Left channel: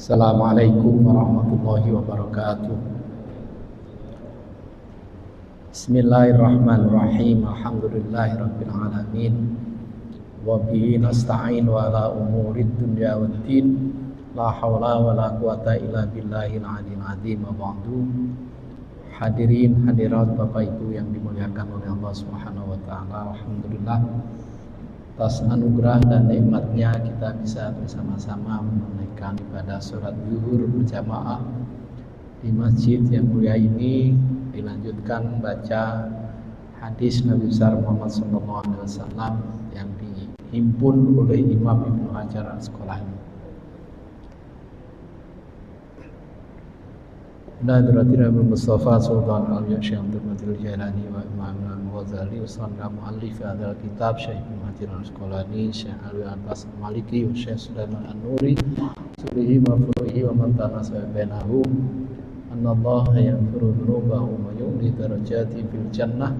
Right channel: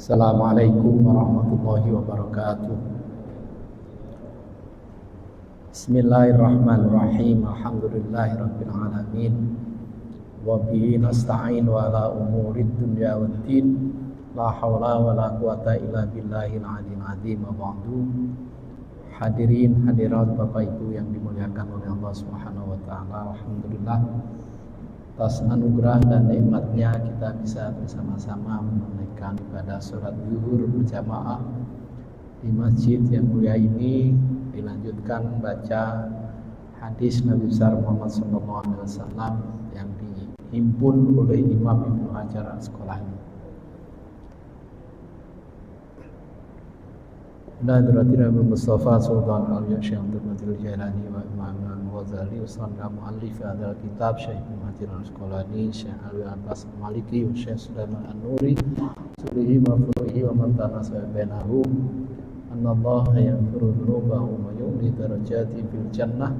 Assalamualaikum warahmatullahi wabarakatuh. Bismillahirrahmanirrahim. Alhamdulillahirabbil alamin. Wa bihi nasta'in wa ala umurid dunya waddin. La haula wa la quwata illa billahil aliyyil azim. Wa ba'du. Hadirin hadirat Bapak Ibu yang dimuliakan oleh Allah Subhanahu wa taala. Alhamdulillah atas anugerah dan nikmatnya kita bisa bersama-sama menunaikan ibadah sholat zuhur berjamaah di masjid yang mulia ini. Dilanjutkan baca hadis Nabi besar Muhammad SAW yang dihimpun oleh Imam Ibnu Hajar Al-Asqalani. Nadrati Nabi Mustafa Sultan Al-Yakshi Abdul Qadir Jailani wa Imam Al-Ghazali Usanda Mu'allif Adal Kitab Syekh Ibnu Hajar Al-Asqalani Syekh Alwi Abbas Al-Maliki wa Syekh Sulaiman An-Nuri Subihi wa Furuhi wa Mantana Sayyidinahu Annallaha yaghfiru dhunubahu wa yu'li darajati fil jannah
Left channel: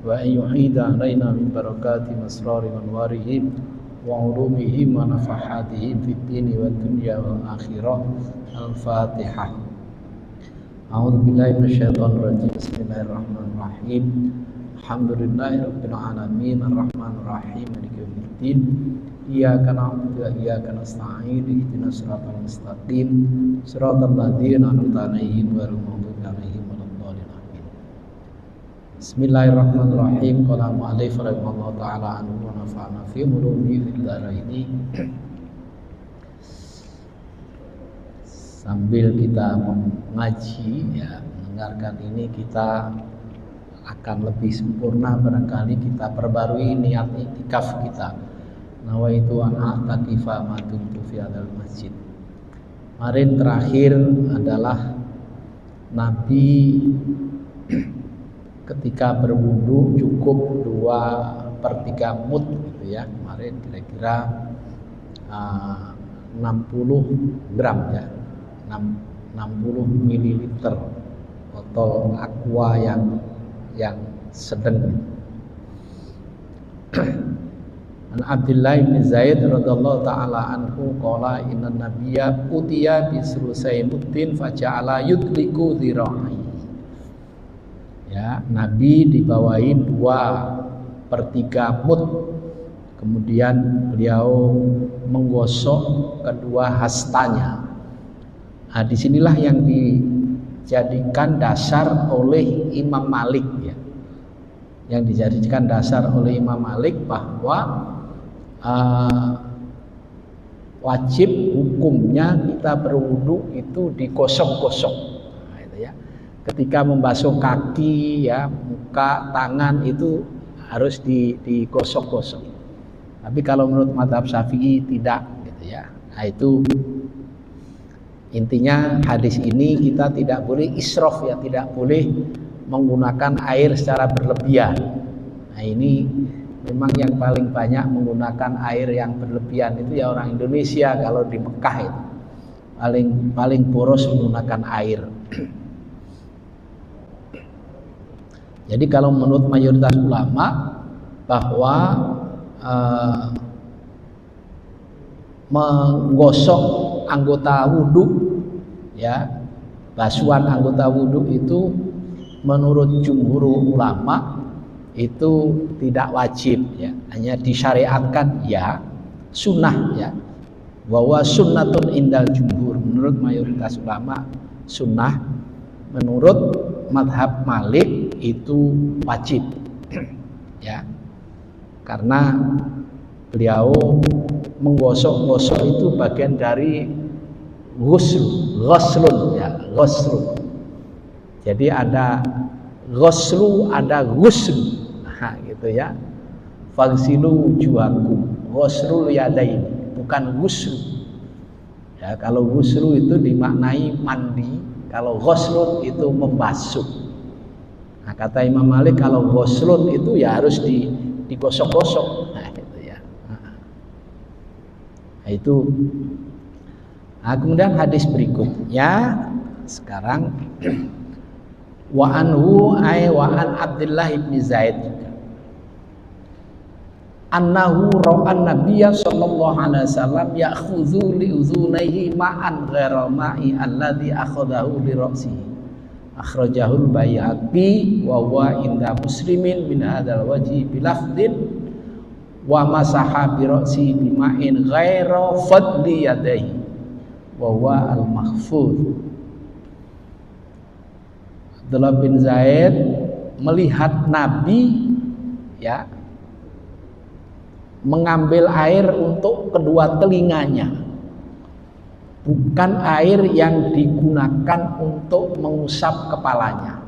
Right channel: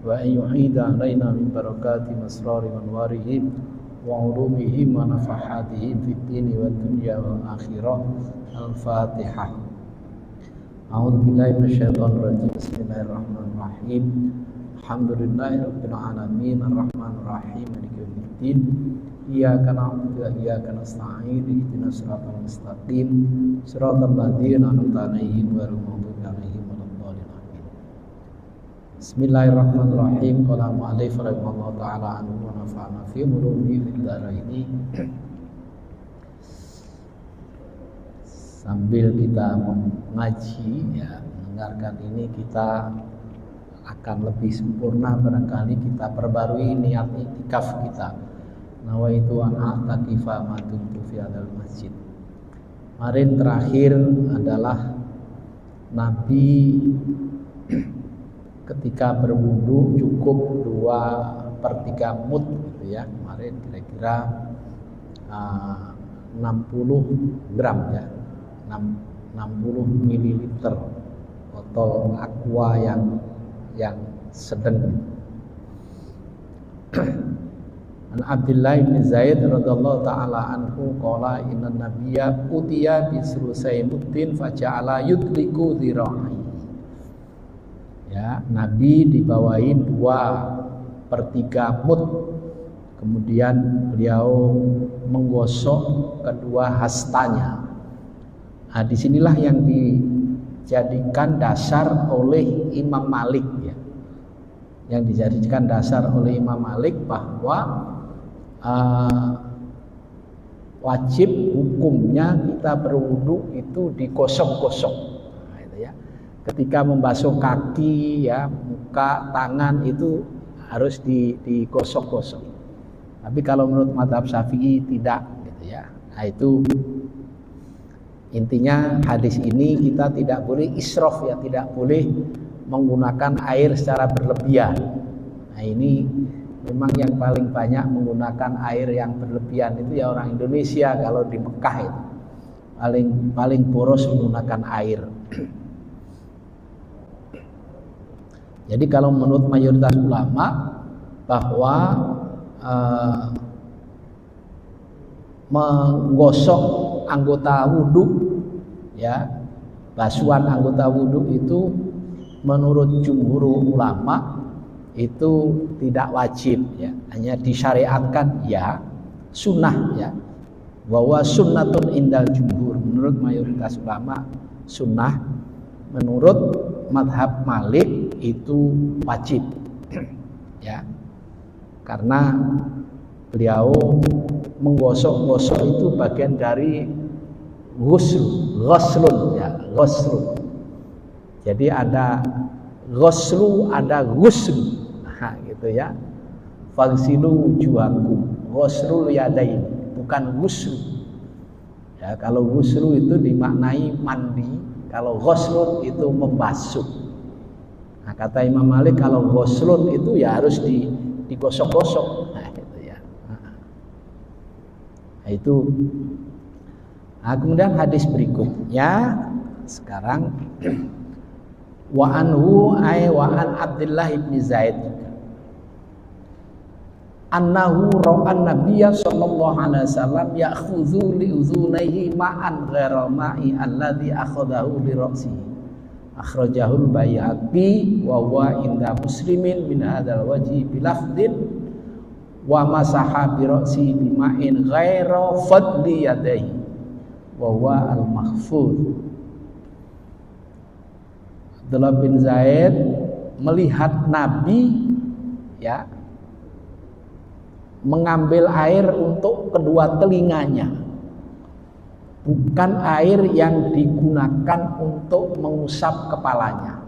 wa ayyuhida alaina min barakati masrari wa anwarihim wa ulumihim wa nafahatihim fid dini wa dunya wal akhirah. Al-Fatihah. A'udzu billahi minasyaitonir rajim. Bismillahirrahmanirrahim. Alhamdulillahirabbil alamin arrahmanir rahim maliki yaumiddin. Iyyaka na'budu wa iyyaka nasta'in. Ihdinas siratal mustaqim. Siratal ladzina an'amta 'alaihim ghairil maghdubi 'alaihim waladdallin. Amin. Bismillahirrahmanirrahim. Qala mu'allif rahimahullahu ta'ala anhu wa nafa'ana fi ulumi fid dharaini. Sambil kita mengaji, ya, mendengarkan ini, kita akan lebih sempurna barangkali kita perbarui niat iktikaf kita. Nawaitu an a'takifa ma dumtu fi hadzal masjid. Kemarin terakhir adalah Nabi ketika berwudu cukup 2/3 mud gitu ya. Kemarin kira-kira 60 gram ya. 60 ml botol aqua yang sedang. An Abdullah bin Zaid radhiyallahu taala anhu qala inna nabiyya utiya bi surusaimuddin faja'ala yutliku dhira'i. Ya, Nabi dibawahi 2/3 mud. Kemudian beliau menggosok kedua hastanya. Nah, disinilah yang dijadikan dasar oleh Imam Malik ya. Yang dijadikan dasar oleh Imam Malik bahwa wajib hukumnya kita berwudu itu digosok-gosok. Nah, itu ya. Ketika membasuh kaki ya, muka, tangan itu harus digosok-gosok. Tapi kalau menurut mazhab Syafi'i tidak gitu ya. Nah, itu intinya hadis ini kita tidak boleh israf ya, tidak boleh menggunakan air secara berlebihan. Nah, ini memang yang paling banyak menggunakan air yang berlebihan itu ya orang Indonesia. Kalau di Mekah itu paling boros menggunakan air. Jadi kalau menurut mayoritas ulama bahwa menggosok anggota wudhu ya, basuhan anggota wudhu itu menurut jumhur ulama itu tidak wajib ya, hanya disyariatkan ya, sunnah ya, bahwa sunnatun indal jumhur. Menurut mayoritas ulama sunnah, menurut madhab Malik itu wajib ya, karena beliau menggosok-gosok itu bagian dari ghuslun ya, ghuslun. Jadi ada ghuslu, ada ghusl. Nah, gitu ya. Fagsilu wujuhakum, ghuslul yadain, bukan ghusl. Ya, kalau ghuslu itu dimaknai mandi, kalau ghuslun itu membasuh. Nah, kata Imam Malik kalau ghuslun itu ya harus digosok-gosok. Itu. Nah, kemudian hadis berikutnya sekarang wa anhu ay wa an Abdullah bin Zaid annahu ra'an nabiyya sallallahu alaihi wasallam ya'khudhu li udhunayhi ma'an ghairal ma'i alladhi akhadahu li ra'sihi. Akhrajahul Baihaqi wa huwa inda Muslimin min hadzal wajhi bilafdin wa masaha bi ra'si bima'in ghaira fadli yadayhi wa huwa al-mahfuz. Abdullah bin Zaid melihat Nabi ya mengambil air untuk kedua telinganya, bukan air yang digunakan untuk mengusap kepalanya.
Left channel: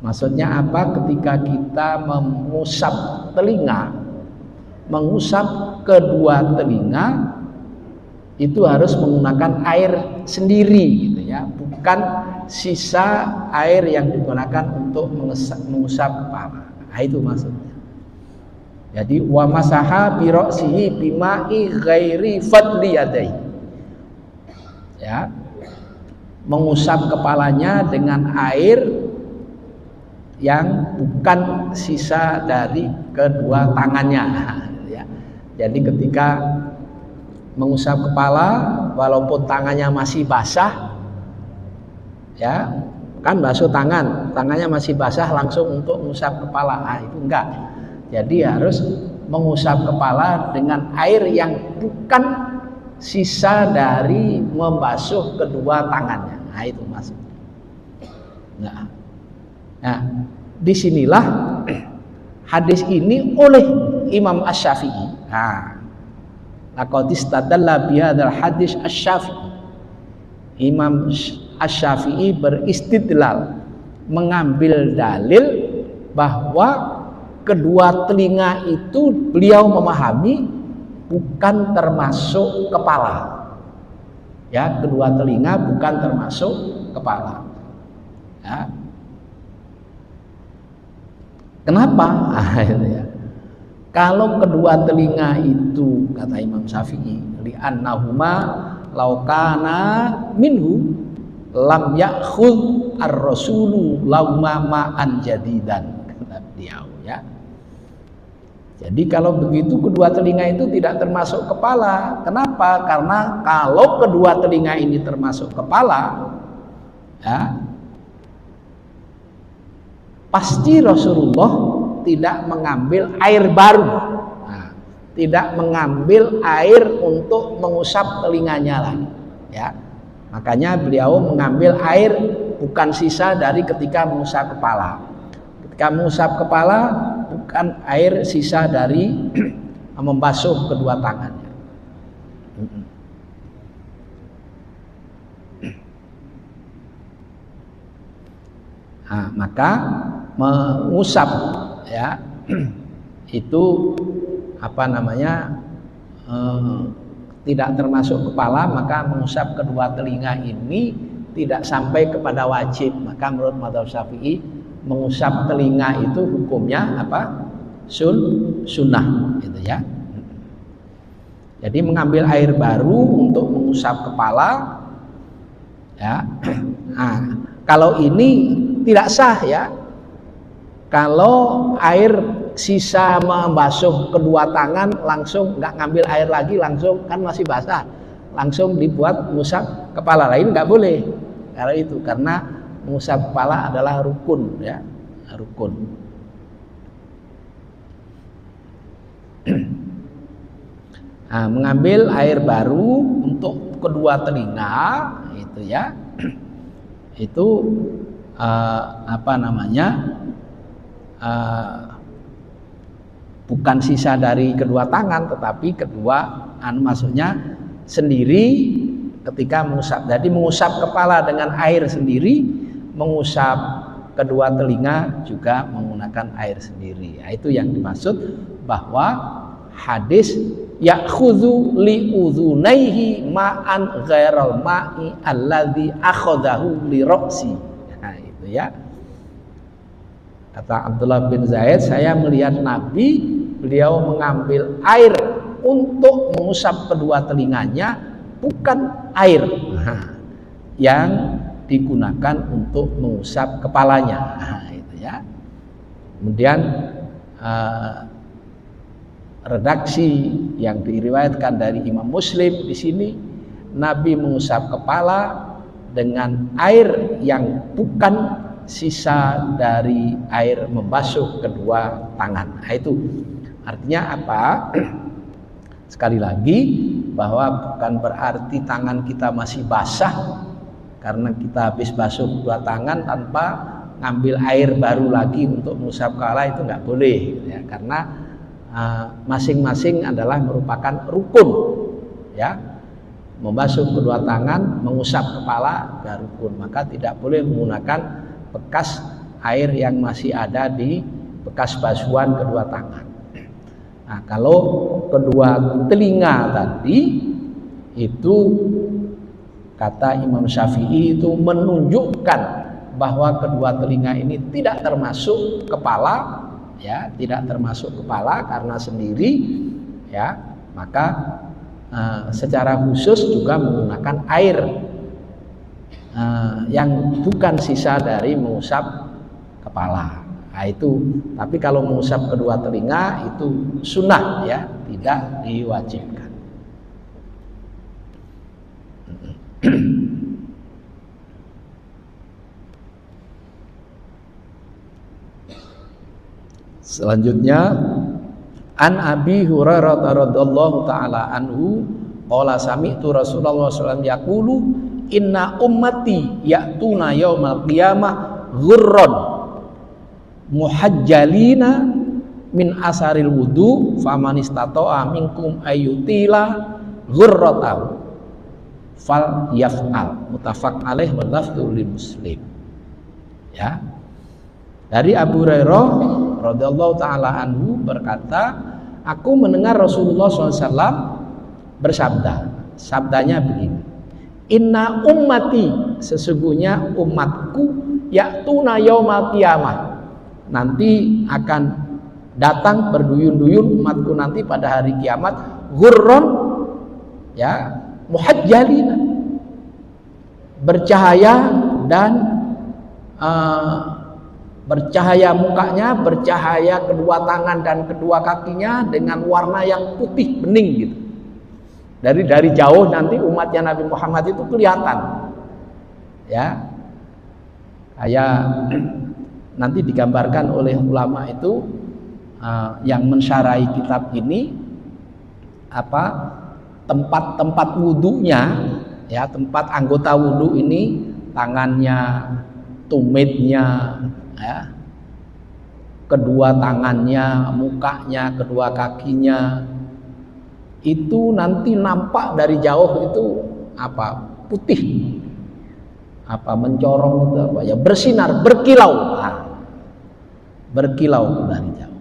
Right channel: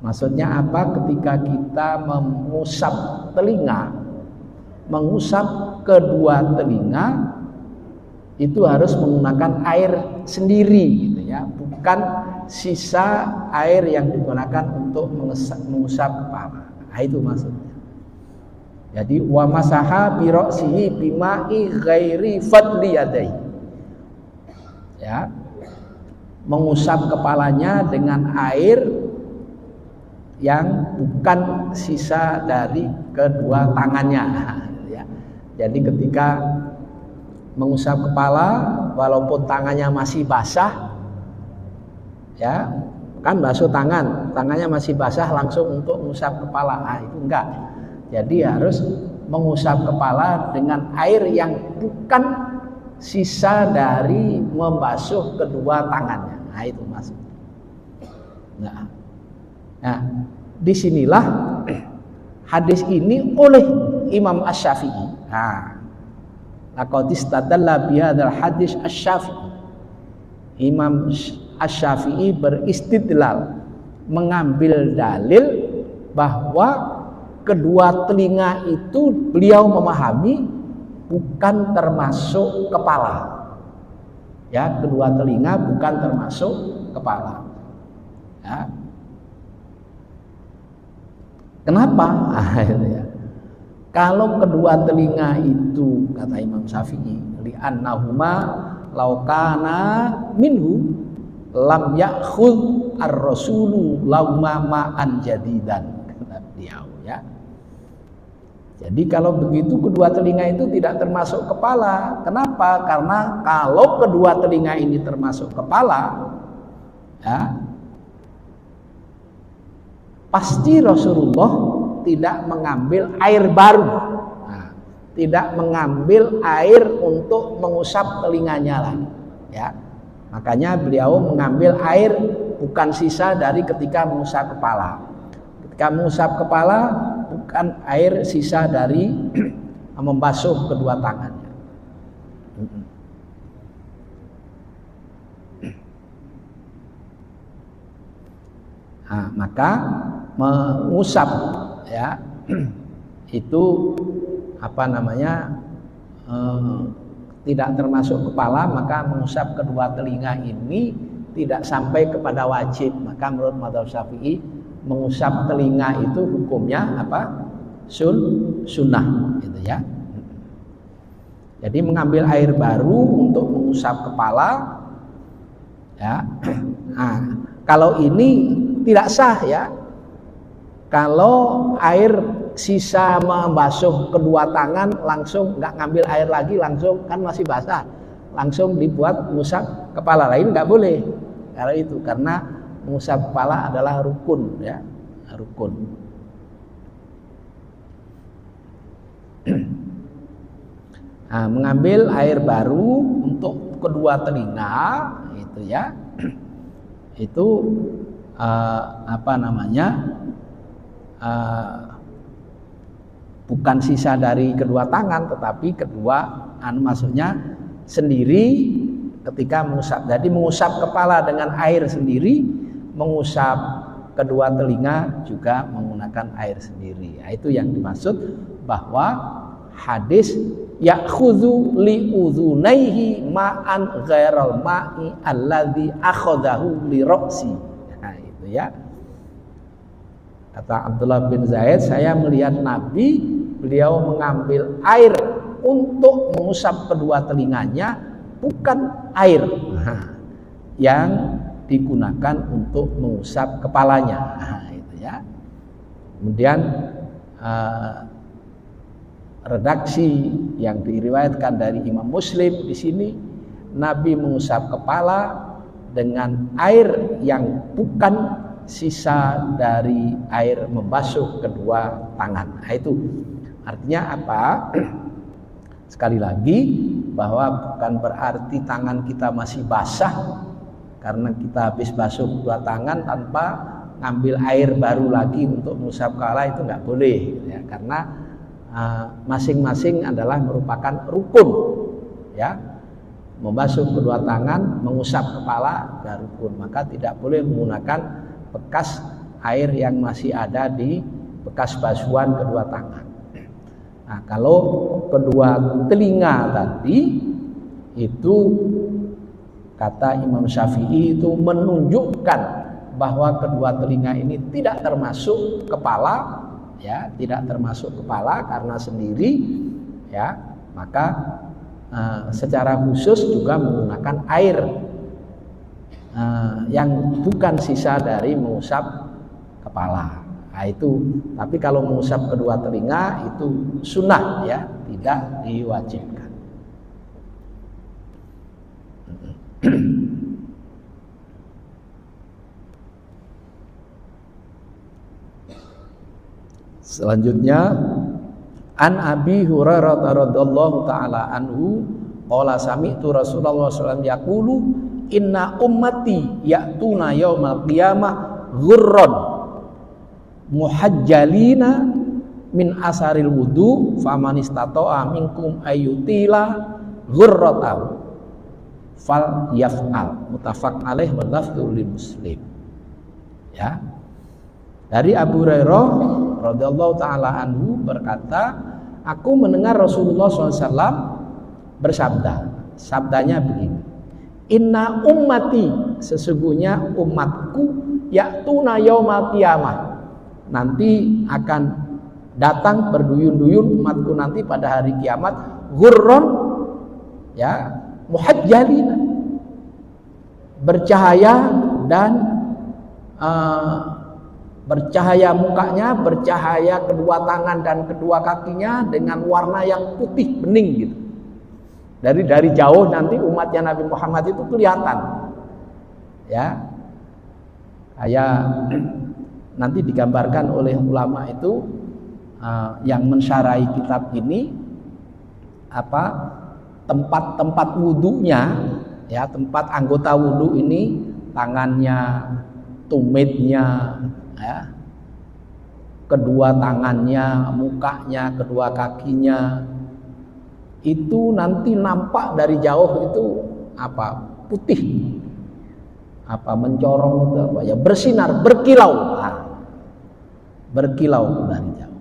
Maksudnya apa? Ketika kita mengusap telinga, mengusap kedua telinga itu harus menggunakan air sendiri gitu ya, bukan sisa air yang digunakan untuk mengusap kepala. Nah, itu maksudnya. Jadi wa masaha bi ra'sihi bima'i ghairi fadli yadai. Ya. Mengusap kepalanya dengan air yang bukan sisa dari kedua tangannya ya. Jadi ketika mengusap kepala walaupun tangannya masih basah ya, kan basuh tangannya masih basah langsung untuk mengusap kepala. Nah, itu enggak. Jadi harus mengusap kepala dengan air yang bukan sisa dari membasuh kedua tangannya. Nah, itu maksudnya. Nah, disinilah hadis ini oleh Imam Asy-Syafi'i. Laqad istadalla bihadzal hadis Asy-Syafi'i. Imam Asy-Syafi'i beristidlal, mengambil dalil bahwa kedua telinga itu beliau memahami bukan termasuk kepala. Ya, kedua telinga bukan termasuk kepala. Ya. Kenapa? Ya. Kalau kedua telinga itu kata Imam Syafi'i, li'annahuma law kana minhu lam ya'khudh ar-rasulu lauma ma'an jadidan. Kata beliau ya. Jadi kalau begitu kedua telinga itu tidak termasuk kepala. Kenapa? Karena kalau kedua telinga ini termasuk kepala, ya, pasti Rasulullah tidak mengambil air baru, tidak mengambil air untuk mengusap telinganya lagi. Ya, makanya beliau mengambil air bukan sisa dari ketika mengusap kepala. Ketika mengusap kepala bukan air sisa dari membasuh kedua tangannya. Nah, maka mengusap ya itu apa namanya tidak termasuk kepala, maka mengusap kedua telinga ini tidak sampai kepada wajib. Maka menurut mazhab Syafi'i mengusap telinga itu hukumnya apa? Sunnah gitu ya. Jadi mengambil air baru untuk mengusap kepala ya. Nah, kalau ini tidak sah ya. Kalau air sisa membasuh kedua tangan langsung nggak ngambil air lagi, langsung kan masih basah, langsung dibuat mengusap kepala, lain nggak boleh. Karena itu, karena mengusap kepala adalah rukun ya, rukun. Nah, mengambil air baru untuk kedua telinga itu ya, itu apa namanya, bukan sisa dari kedua tangan, tetapi kedua maksudnya sendiri ketika mengusap. Jadi mengusap kepala dengan air sendiri, mengusap kedua telinga juga menggunakan air sendiri. Nah, itu yang dimaksud bahwa hadis ya'khudhu li udhunaihi ma'an ghairal ma'i alladhi akhadahu li ra'si. Nah, itu ya. Kata Abdullah bin Zaid, saya melihat Nabi, beliau mengambil air untuk mengusap kedua telinganya, bukan air yang digunakan untuk mengusap kepalanya. Nah, itu ya. Kemudian redaksi yang diriwayatkan dari Imam Muslim di sini, Nabi mengusap kepala dengan air yang bukan sisa dari air membasuh kedua tangan. Nah, itu artinya apa? Sekali lagi, bahwa bukan berarti tangan kita masih basah karena kita habis basuh kedua tangan tanpa ngambil air baru lagi untuk mengusap kepala, itu nggak boleh ya, karena masing-masing adalah merupakan rukun ya. Membasuh kedua tangan, mengusap kepala adalah rukun, maka tidak boleh menggunakan bekas air yang masih ada di bekas basuhan kedua tangan. Nah, kalau kedua telinga tadi itu kata Imam Syafi'i itu menunjukkan bahwa kedua telinga ini tidak termasuk kepala ya, tidak termasuk kepala karena sendiri ya, maka secara khusus juga menggunakan air yang bukan sisa dari mengusap kepala. Nah, itu. Tapi kalau mengusap kedua telinga itu sunnah ya, tidak diwajibkan. Selanjutnya, An Abi Hurairah radhiyallahu taala anhu qala sami'tu Rasulullah sallallahu alaihi wasallam yaqulu inna ummati ya'tuna yaumal qiyamah ghurran muhajjalina min asaril wudu faman istata'a minkum ayyutila ghurratahu fal yaf'al. Muttafaq alaih wa lafdhu li Muslim. Ya. Dari Abu Hurairah radhiyallahu taala anhu berkata, aku mendengar Rasulullah SAW bersabda. Sabdanya begini, inna ummati, sesungguhnya umatku, ya'tuna yaumal qiyamah, nanti akan datang berduyun-duyun umatku nanti pada hari kiamat, ghurran ya, muhajjalina, bercahaya dan bercahaya mukanya, bercahaya kedua tangan dan kedua kakinya dengan warna yang putih bening gitu. Dari jauh nanti umatnya Nabi Muhammad itu kelihatan. Ya. Nanti digambarkan oleh ulama itu yang mensyarahi kitab ini apa? Tempat-tempat wudunya ya, tempat anggota wudu ini, tangannya, tumitnya ya, kedua tangannya, mukanya, kedua kakinya itu nanti nampak dari jauh itu apa? Putih, apa mencorong itu apa ya, bersinar, berkilau, berkilau dari jauh.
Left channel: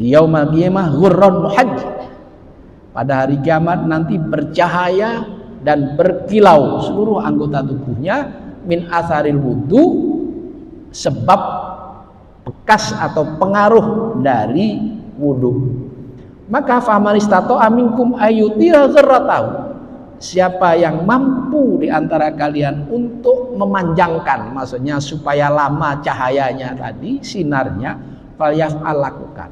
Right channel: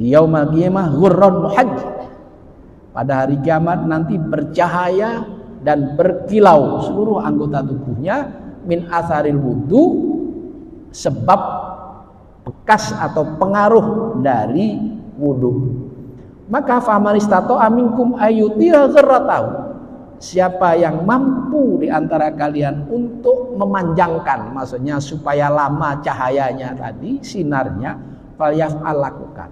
Di yaumul qiyamah ghurran muhajjal, pada hari kiamat nanti bercahaya dan berkilau seluruh anggota tubuhnya min asaril wudu, sebab bekas atau pengaruh dari wudu. Maka faman istata'a minkum ayyutira ghurratahu, siapa yang mampu di antara kalian untuk memanjangkan, maksudnya supaya lama cahayanya tadi, sinarnya, falyaf'al, lakukan.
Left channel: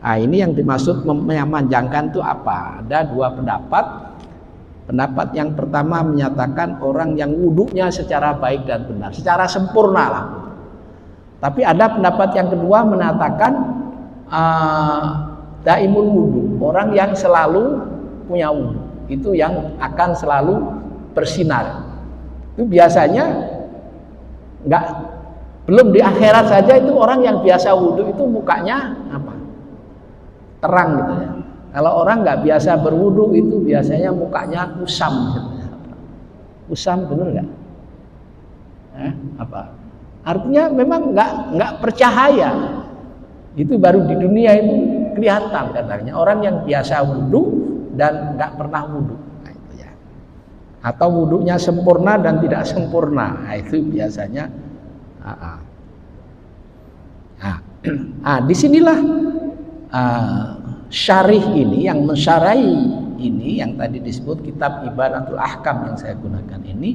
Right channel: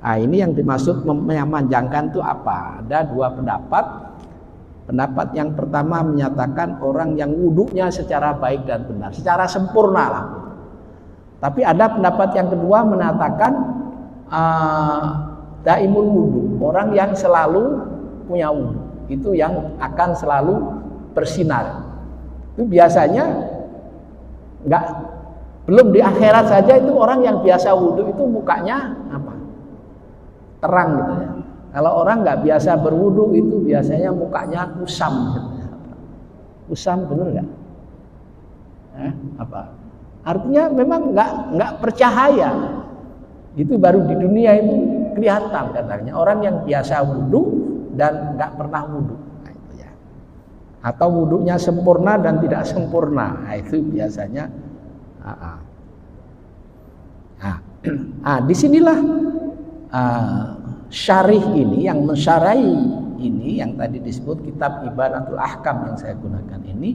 Nah, ini yang dimaksud memanjangkan itu apa? Ada dua pendapat. Pendapat yang pertama menyatakan orang yang wudhunya secara baik dan benar, secara sempurna lah. Tapi ada pendapat yang kedua mengatakan daimul wudhu, orang yang selalu punya wudhu, itu yang akan selalu bersinar. Itu biasanya belum di akhirat saja itu orang yang biasa wudhu itu mukanya apa? Terang gitu ya. Kalau orang nggak biasa berwudu itu biasanya mukanya kusam. Kusam benar nggak? Apa? Artinya memang nggak percahaya. Itu baru di dunia itu kelihatan katanya orang yang biasa wudu dan nggak pernah wudu. Nah, itu ya. Atau wudunya sempurna dan tidak sempurna. Nah, itu biasanya. Disinilah syarih ini yang mensyarahi ini yang tadi disebut kitab Ibanatul Ahkam yang saya gunakan ini,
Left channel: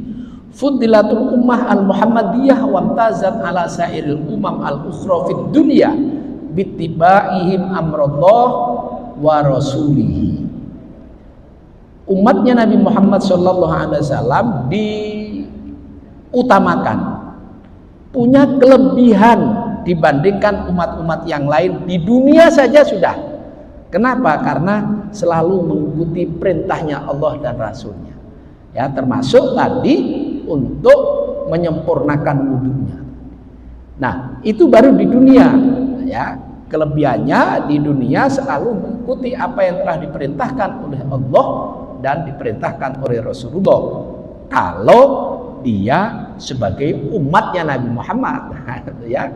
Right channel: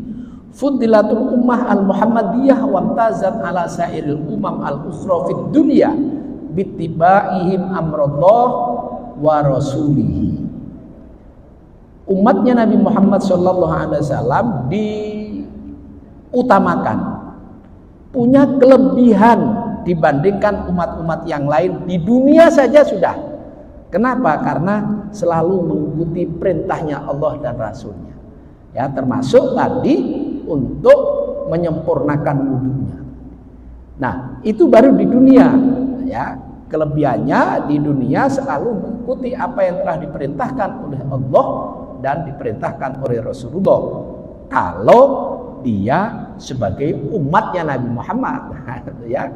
Fudilatul Ummah al-Muhammadiyah wa amtazat ala sairil umam al-ukhra fid dunya bittibaihim amrullah wa rasulihi. Umatnya Nabi Muhammad SAW diutamakan, punya kelebihan dibandingkan umat-umat yang lain di dunia saja sudah. Kenapa? Karena selalu mengikuti perintahnya Allah dan Rasulnya. Ya, termasuk tadi untuk menyempurnakan wudunya. Nah, itu baru di dunia. Ya, kelebihannya di dunia selalu mengikuti apa yang telah diperintahkan oleh Allah dan diperintahkan oleh Rasulullah. Kalau dia sebagai umatnya Nabi Muhammad, ya.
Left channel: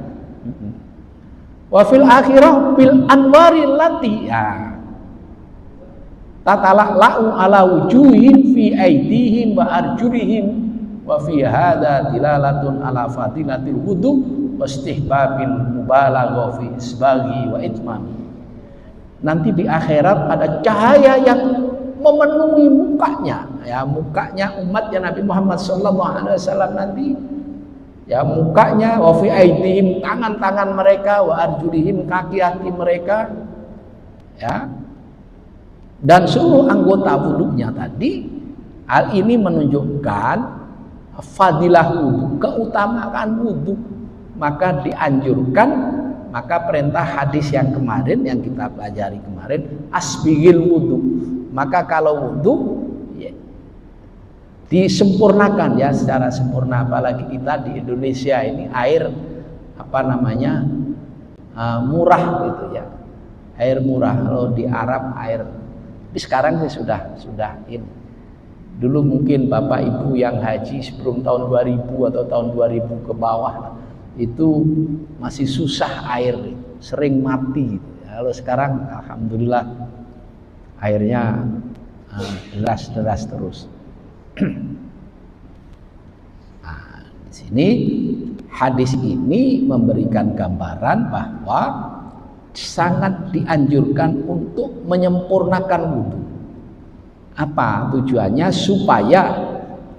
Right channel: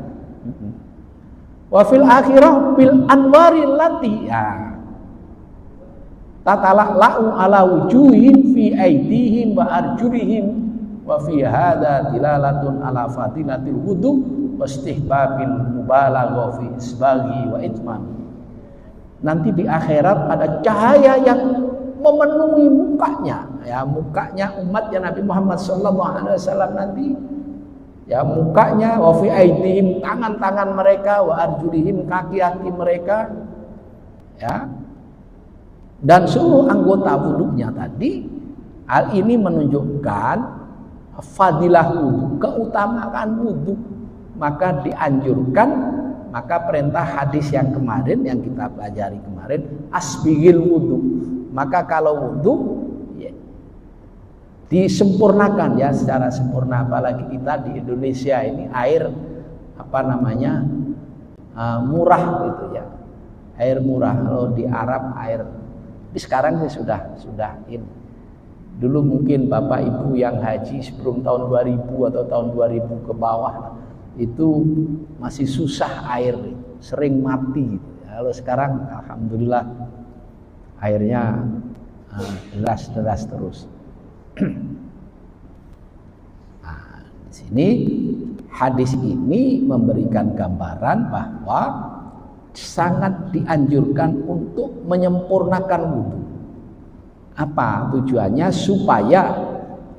Wa fil akhirah bil anwaril lati tatala'u ala wujuhim fi aydihim wa arjulihim wa fi hadza dilalatun ala fadilatil wudu wa istihbabil mubalaghah fi isbaghi wa itmami. Nanti di akhirat ada cahaya yang memenuhi mukanya, ya, mukanya umatnya Nabi Muhammad SAW nanti, ya, mukanya, wa fi aidihim, tangan-tangan mereka, wa arjulihim, kaki-kaki mereka, ya, dan seluruh anggota wudunya tadi. Hal ini menunjukkan fadilah wudu, keutamaan wudu. Maka dianjurkan, maka perintah hadis yang kemarin yang kita pelajari kemarin, asbigil wudu. Maka kalau wudu ya, disempurnakan ya secara sempurna, apalagi kita di Indonesia ini air murah gitu ya, air murah. Kalau di Arab air, tapi sekarang ini sudah ini. Dulu mungkin Bapak Ibu yang haji sebelum tahun 2000 atau tahun 2000 ke bawah itu masih susah air, sering mati. Kalau sekarang alhamdulillah airnya deras terus. Nah, di sini hadis ini memberikan gambaran bahwa sangat dianjurkan untuk menyempurnakan wudu. Apa tujuannya? Supaya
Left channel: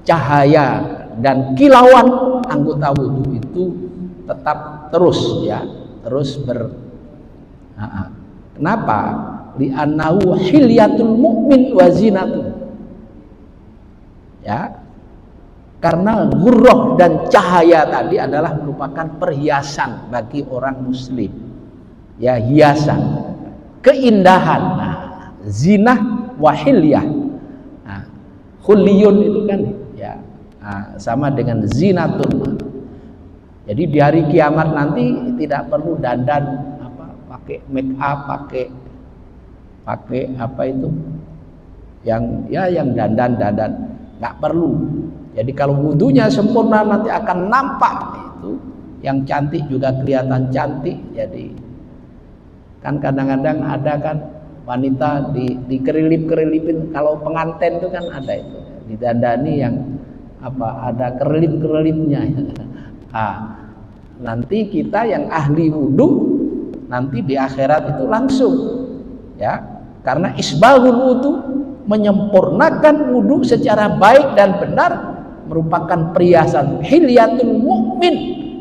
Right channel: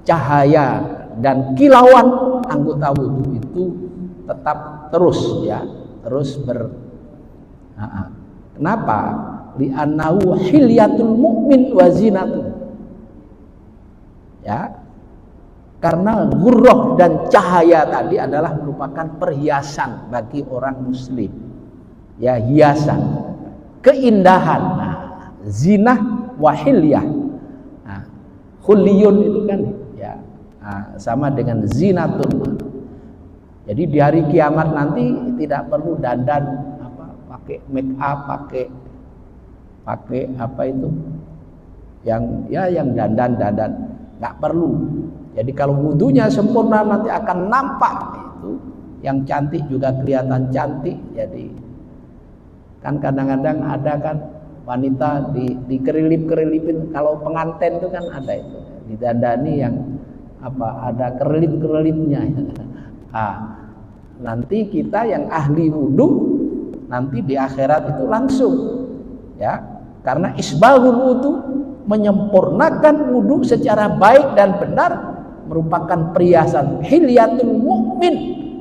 cahaya dan kilauan anggota wudu itu tetap terus Kenapa? Li'annahu hilyatul mu'min wa zinatuh. Ya. Karena ghurrah dan cahaya tadi adalah merupakan perhiasan bagi orang muslim. Ya, hiasan, keindahan. Nah, zinah wa hilyah. Nah, khulliyun itu kan ya, sama dengan zinatun. Jadi di hari kiamat nanti tidak perlu dandan pakai make up, pakai apa itu yang dandan nggak perlu. Jadi kalau wudunya sempurna nanti akan nampak itu, yang cantik juga kelihatan cantik. Jadi kan kadang-kadang ada kan wanita dikerlip-kerlipin, kalau pengantin itu kan ada itu didandani yang ada kerlip-kerlipnya. Nanti kita yang ahli wudu nanti di akhirat itu langsung, ya, karena isbaghul wudu, menyempurnakan wudu secara baik dan benar merupakan perhiasan hilyatul mukmin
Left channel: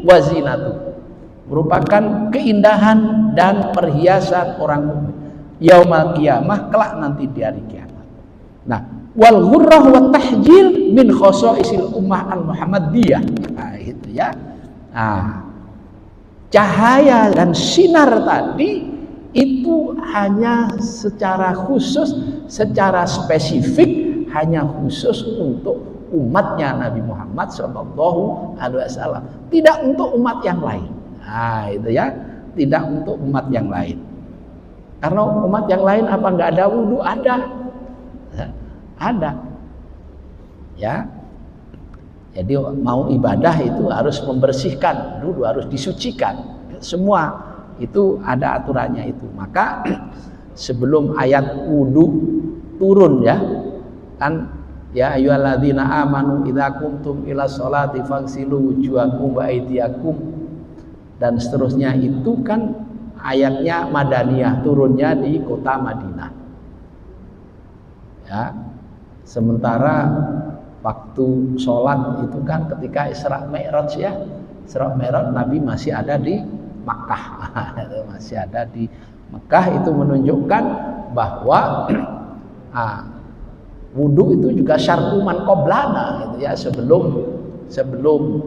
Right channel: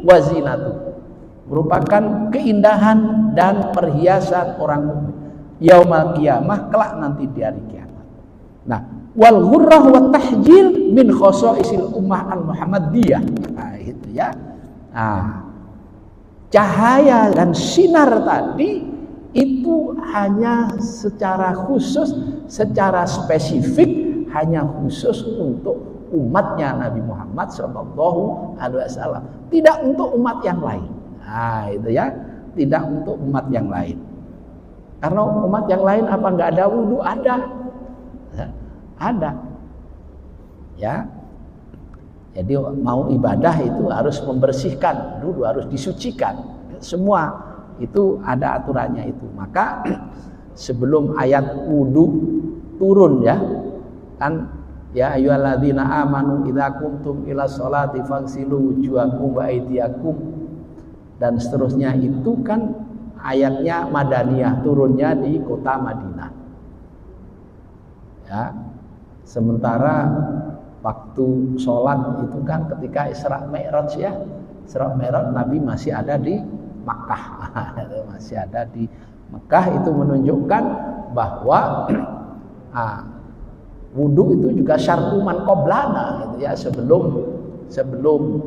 wa zinatuh, merupakan keindahan dan perhiasan orang mukmin yaumul qiyamah, kelak nanti di hari kiamat. Nah, wal ghurrah wa tahjil min khosaisil ummah al muhammadiyah. Nah, itu ya. Nah, cahaya dan sinar tadi itu hanya secara khusus, secara spesifik, hanya khusus untuk umatnya Nabi Muhammad SAW, tidak untuk umat yang lain. Nah, itu ya, tidak untuk umat yang lain. Karena umat yang lain apa nggak ada wudu? Ada, ya. Jadi mau ibadah itu harus membersihkan dulu, harus disucikan. Semua itu ada aturannya itu. Maka sebelum ayat wudu turun ya, kan ya ayyuhalladzina amanu idza qumtum ila sholati faghsilu wujuhakum wa aydiyakum dan seterusnya, itu kan ayatnya madaniyah, turunnya di kota Madinah. Ya. Sementara waktu sholat itu kan ketika Isra Mi'raj ya, Isra Mi'raj Nabi masih ada di Makkah. Masih ada di Mekah. Itu menunjukkan bahwa wudu itu juga syar'uman qoblana gitu ya, sebelum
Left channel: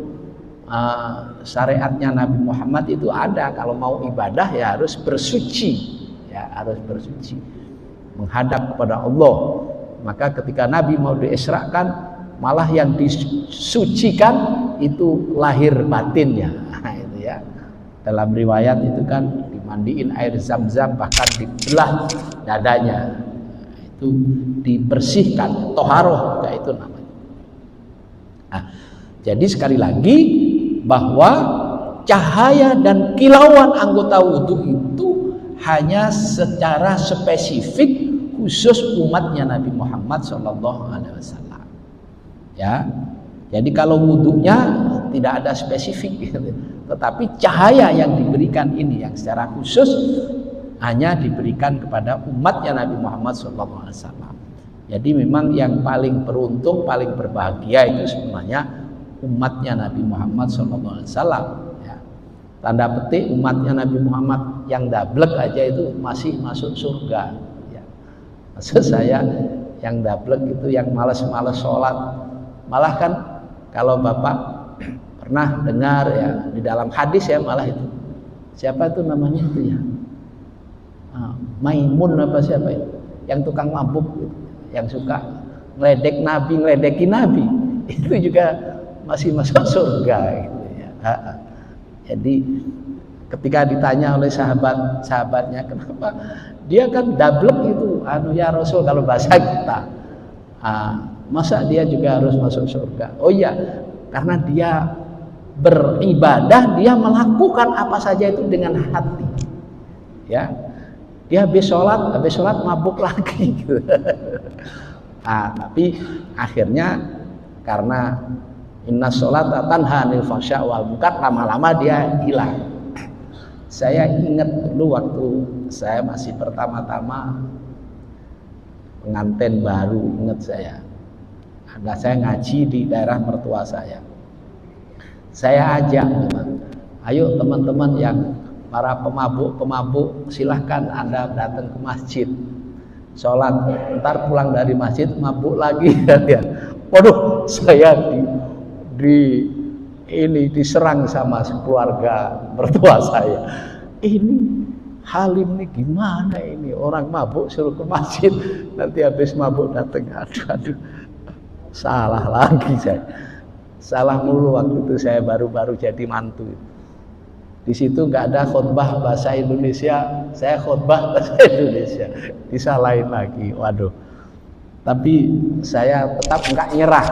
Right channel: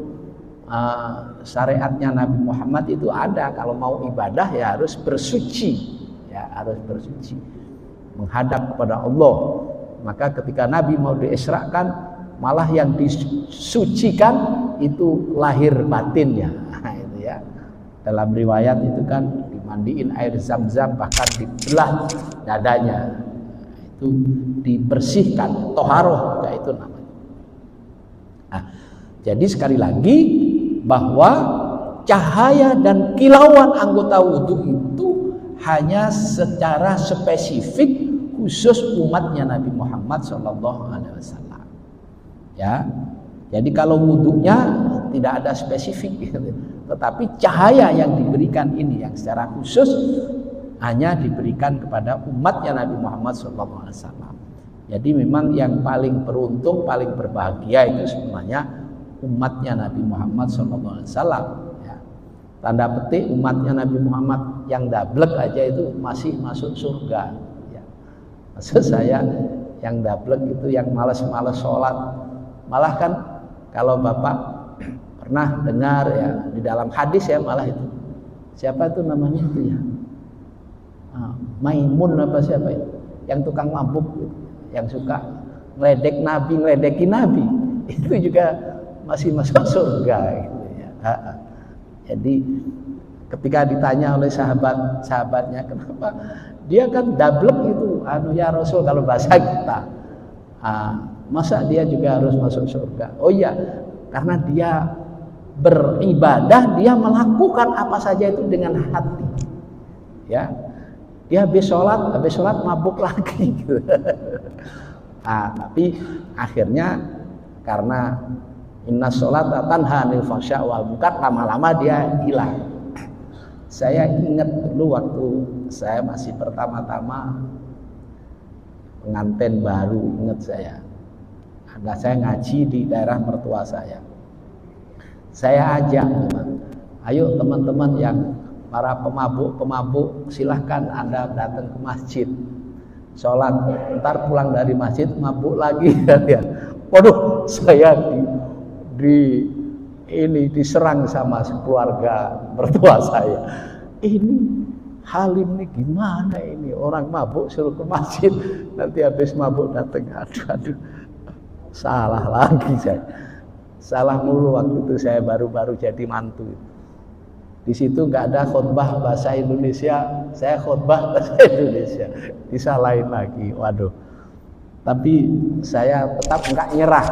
syariatnya Nabi Muhammad itu ada. Kalau mau ibadah ya harus bersuci, menghadap kepada Allah. Maka ketika Nabi mau diisrakan, malah yang disucikan itu lahir batinnya. Itu ya. Dalam riwayat itu kan dimandiin air zam-zam, bahkan dibelah dadanya. Itu dibersihkan, toharoh, ya itu namanya. Nah, jadi sekali lagi bahwa cahaya dan kilauan anggota wudhu itu hanya secara spesifik khusus umatnya Nabi Muhammad SAW. Ya, jadi kalau wudhunya tidak ada spesifik, gitu. Tetapi cahaya yang diberikan ini yang secara khusus hanya diberikan kepada umatnya Nabi Muhammad SAW. Jadi memang yang paling beruntung, paling berbahagia itu sebenarnya umatnya Nabi Muhammad SAW. Ya. Tanda petik umatnya Nabi Muhammad yang dablek aja itu masih masuk surga. Ya. Maksud saya yang dablek itu yang malas-malas sholat. Malah kan kalau Bapak pernah dengar ya di dalam hadis ya, malah itu siapa itu namanya itu ya, Maimun apa siapa itu yang tukang mabuk yang suka ngeledekin Nabi itu juga masih masuk surga gitu ya. Jadi ketika ditanya oleh sahabatnya kenapa dia kan dablek itu ya Rasul, kalau bahasa kita masa dia juga harus masuk surga? Oh iya, karena dia beribadah, dia melakukan apa saja itu dengan hati. Ya, dia habis sholat mabuk lagi. Tapi akhirnya karena inna sholata tanha 'anil fahsya wal munkar, lama-lama dia hilang. Saya ingat dulu waktu saya masih pertama-tama pengantin baru, ingat saya. Saya ngaji di daerah mertua saya. Saya ajak, ayo teman-teman yang para pemabuk, silahkan Anda datang ke masjid, sholat, ntar pulang dari masjid mabuk lagi. Waduh, saya diserang sama keluarga mertua saya. Ini Halim ini gimana ini, orang mabuk suruh ke masjid, nanti habis mabuk datang. Aduh. Salah lagi saya. Salah mulu waktu itu saya baru jadi mantu. Di situ nggak ada khutbah bahasa Indonesia, saya khutbah bahasa Indonesia. Disalahin lagi. Waduh. Tapi saya tetap nggak nyerah.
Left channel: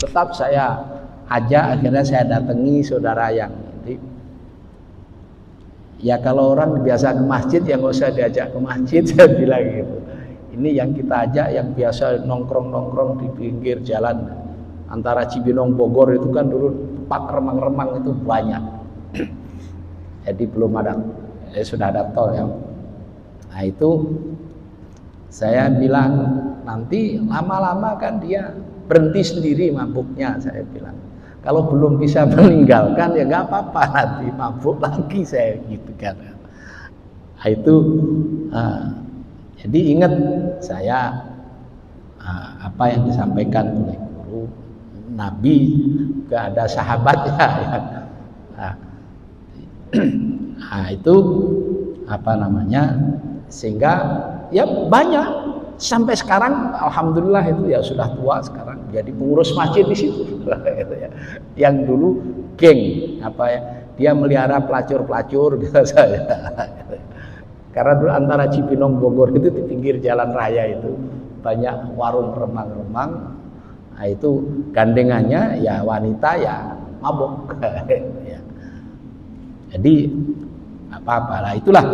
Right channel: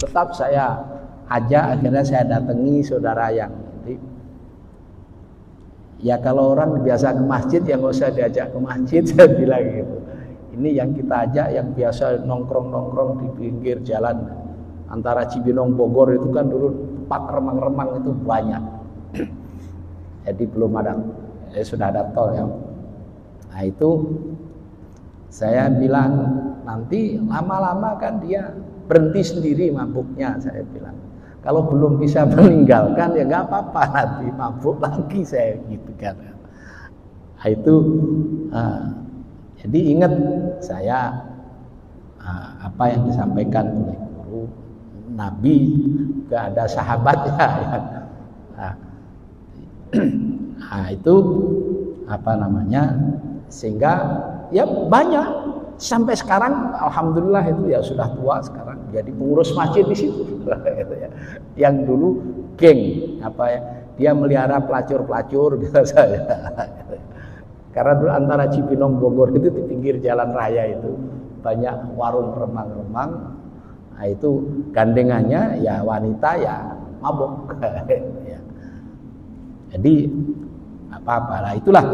Tetap saya ajak, akhirnya saya datangi saudara yang ya kalau orang biasa ke masjid ya nggak usah diajak ke masjid, saya bilang gitu. Ini yang kita ajak yang biasa nongkrong-nongkrong di pinggir jalan antara Cibinong Bogor itu kan dulu tempat remang-remang itu banyak. Jadi belum ada, sudah ada tol ya. Nah itu saya bilang nanti lama-lama kan dia berhenti sendiri mabuknya, saya bilang. Kalau belum bisa meninggalkan ya nggak apa-apa, nanti mabuk lagi, saya gitu kan. Nah itu jadi ingat saya apa yang disampaikan oleh guru Nabi, gak ada sahabatnya ya. Nah itu apa namanya, sehingga ya banyak sampai sekarang alhamdulillah itu ya sudah tua sekarang jadi pengurus masjid di situ. Yang dulu geng apa ya, dia melihara pelacur-pelacur gitu saya. Karena dulu antara Cibinong Bogor itu di pinggir jalan raya itu banyak warung remang-remang. Nah itu gandengannya ya wanita ya mabuk. Ya. Jadi apa-apa lah, itulah